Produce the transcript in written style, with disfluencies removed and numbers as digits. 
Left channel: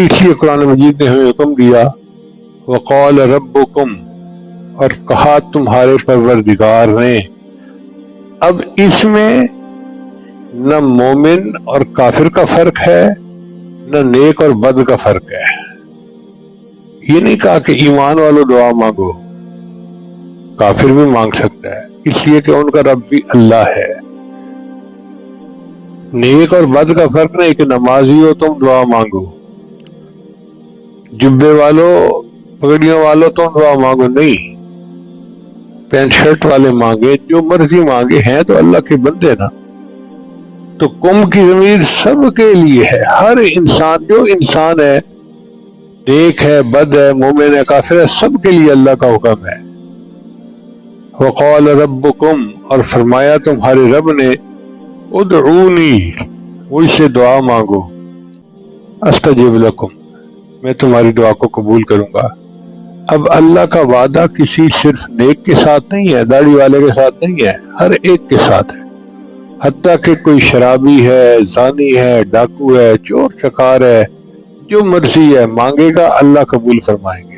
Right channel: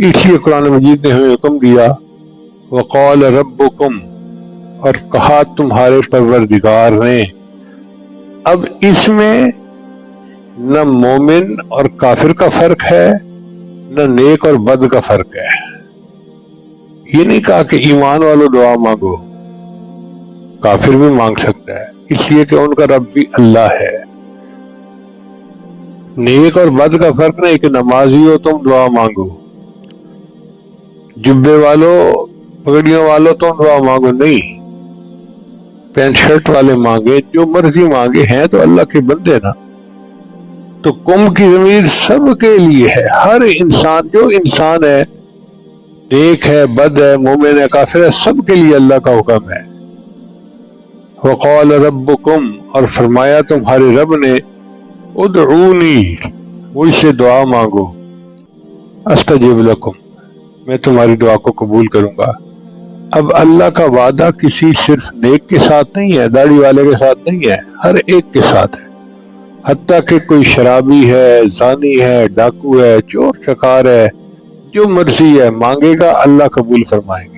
اسی قرآن مجید نے ہمیں حکم دیا وقال ربکم، اور کہا تمہارے پروردگار نے۔ اب اس میں نہ مومن اور کافر کا فرق ہے، نہ نیک اور بد کا فرق ہے۔ یہ نہیں کہا کہ ایمان والوں دعا مانگو، کافر بھی مانگ سکتا ہے، اس لیے کہ ان کا رب بھی اللہ ہے۔ نیک اور بد کا فرق نہیں کہ نمازی ہو تم دعا مانگو، جبے والوں پگڑیوں والوں تم دعا مانگو، نہیں، پینٹ شرٹ والے مانگے، جو مرضی مانگے، ہیں تو اللہ کے بندے نا۔ تو قوم کی ضمیر سب کے لیے ہے، ہر انسان، جو انسان ہے، نیک ہے، بد ہے، مومن ہے، کافر ہے، سب کے لیے اللہ کا حکم ہے۔ وقال ربکم، اور فرمایا تمہارے رب نے، ادعونی، مجھ سے دعا مانگو، استجب لکم، میں تمہاری دعا کو قبول کروں گا۔ اب اللہ کا وعدہ کسی صرف نیک کے ساتھ نہیں ہے، داڑھی والے کے ساتھ نہیں ہے، ہر ایک کے ساتھ ہے۔ حتیٰ کہ کوئی شرابی ہے، زانی ہے، ڈاکو ہے، چور چکار ہے، جو مرضی ہے مانگے گا اللہ قبول فرمائیں گے۔